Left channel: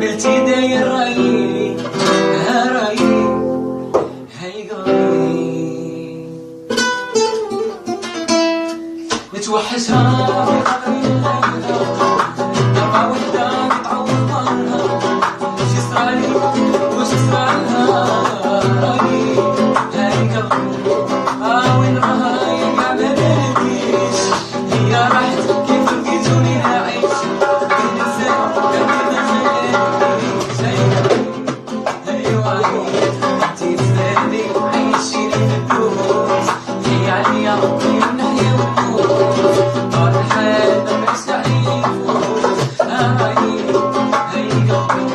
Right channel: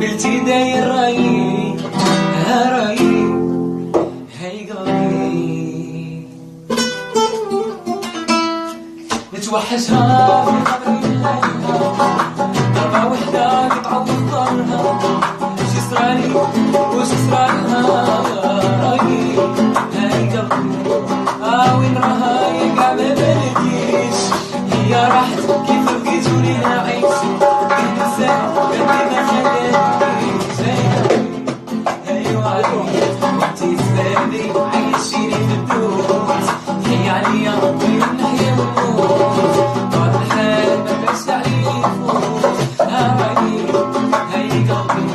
قلتي داير رايي رايي هاي قلبي متوحشها في قلبي ضربة وحدة بتعوض ظهرها شي صرالي وش صرالها رايي هاي قلبي وين راها يا قاع ما بلديش هي راحت كيف لقيتوني نعيش نسيت قلبي ما خلانيش ايوا انتي زادي عايشين في البيوت هي عليا ربي نحيا ونموت طار الحال ما بقاش عليا يفوت هاي قلبي